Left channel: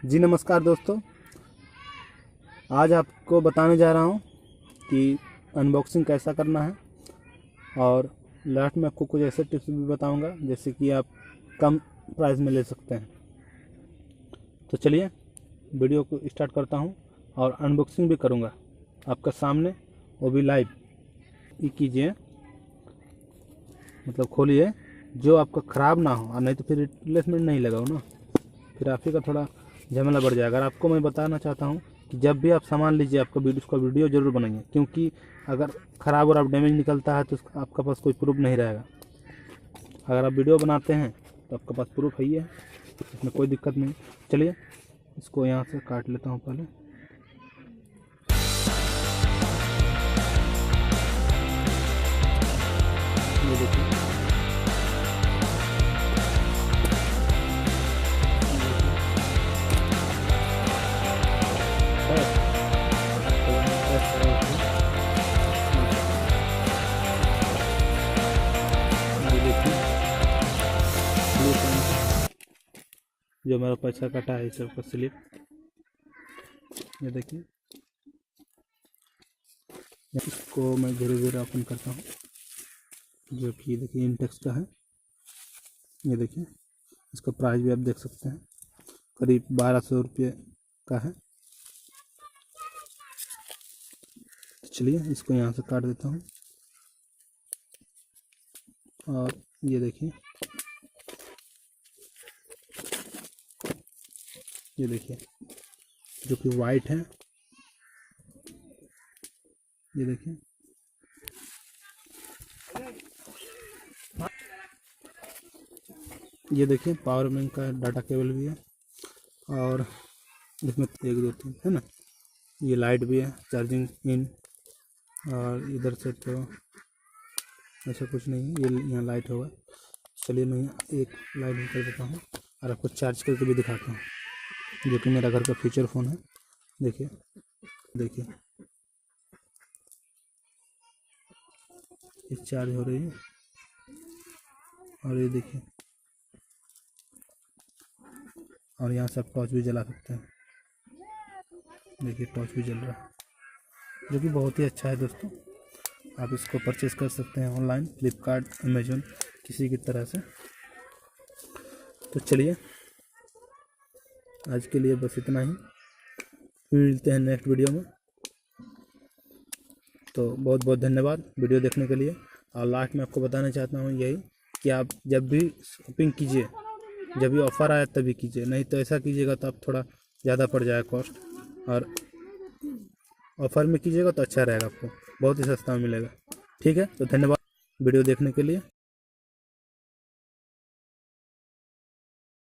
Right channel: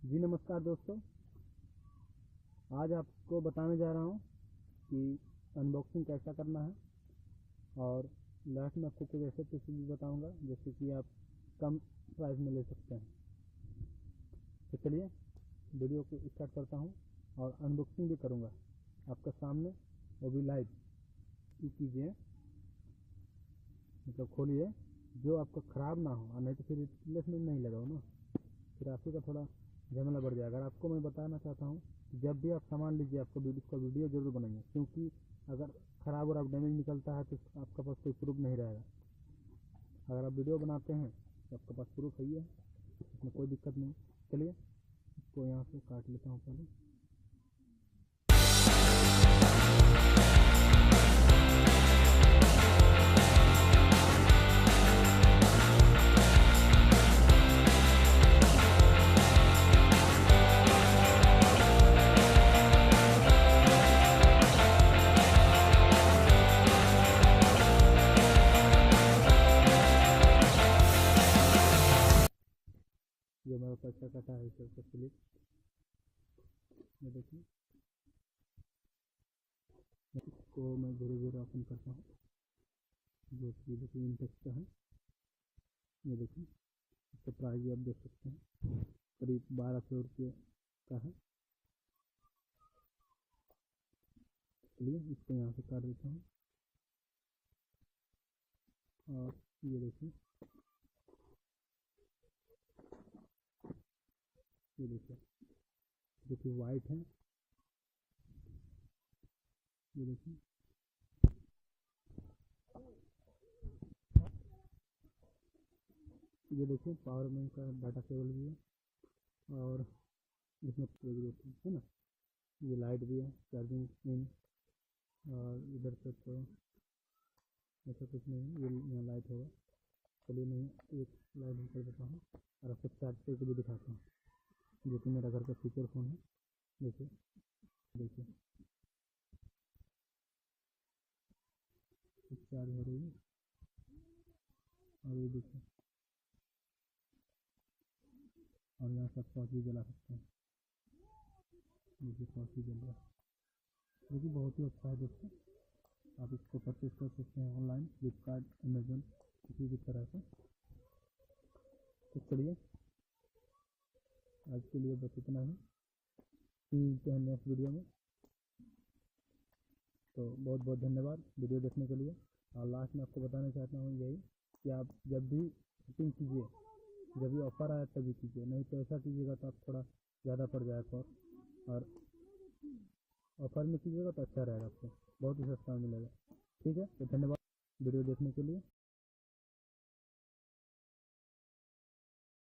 जी नमस्कार दोस्तों, आज आपको बताने जा रहा हूँ कि अनबॉक्सिंग कैसा करना है और लास्ट में आपको कुछ ऐसे टिप्स भी बताऊँगा जैसे कि आप कम प्राइस में ले सकते हैं। तो चलिए वीडियो को स्टार्ट करता हूँ और अनबॉक्सिंग भी करूँगा आपका सामने, वो भी लाइव। ये कीजिए, मतलब खोलिए, जो आपका ख़राब ना हो, और नहीं तो फिर रिप्लेसमेंट नहीं लगाओ ना, फिर आप ही का थोड़ा झमेला बढ़ जाएगा। आपको मैं बताना चाहता हूँ कि जब भी आप सामान लीजिए आपका उसका वीडियो ज़रूर बनाइए, क्योंकि अगर ख़राब और आप डैमेज निकलता है तो आपका पास कोई प्रूफ नहीं रहेगा। अगर आप वीडियो बनाते हैं तो आपके पास प्रूफ है ही है, इसमें कोई दिक्कत नहीं। चलिए इसको यहाँ से काट लेता हूँ पहले। जो मेरा पैसा कटा है इस सबका स्लिप, ये देखिए। इसको मैं धीरे धीरे ओपन करता हूँ, जो कि देखिए इंटेक्स का है। ये देखिए, इसका प्राइस भी आप देख सकते हैं, करीब 1200 रुपये का है। चलिए इसको यहाँ से काट देता हूँ और ये देखिए, ये देखिए जो कि वाइट है। ये देखिए, ये देखिए पावर बैंक का डाटा केबल भी है और इसमें 1 2 3 है ना, ये लाइट भी है, चार्जिंग इन। और इधर से तो ऐसा कुछ नहीं है, ये यहाँ लाइट होगा। चलिए मैं एक लाइट कर देता हूँ और आपको चार्ज करके भी दिखाता हूँ, जो कि मेरा घर का फीचर फ़ोन है। देखिए देखिए, ये चार्ज हो रही है और ये देखिए, और यहाँ से आप टॉर्च भी जला सकते हैं। देखिए टॉर्च भी जल रहा है, जो कि बहुत ही अच्छा है दोस्तों। आप इसको परचेज़ कर सकते हैं ऑनलाइन, फ्लिपकार्ट, अमेजोन, किसी की तरह से। तो चलिए आज के लिए बस इतना ही, फिर मिलते हैं नेक्स्ट वीडियो में। तो बहुत बहुत धन्यवाद वीडियो देखने के लिए। और लास्ट में आपको बताना चाहता हूँ यही कि आप जब भी शॉपिंग कीजिए, जब भी ऑफ़र आए तभी कीजिए, नहीं तो ऐसा कीजिएगा तो आप थोड़ा ज़्यादा पड़ जाएगा कॉस्ट, और ऑफ़र में कीजिएगा तो अच्छा रहेगा, आपको बहुत ही सस्ता में मिलेगा। ठीक है, तो धन्यवाद वीडियो देखने के लिए।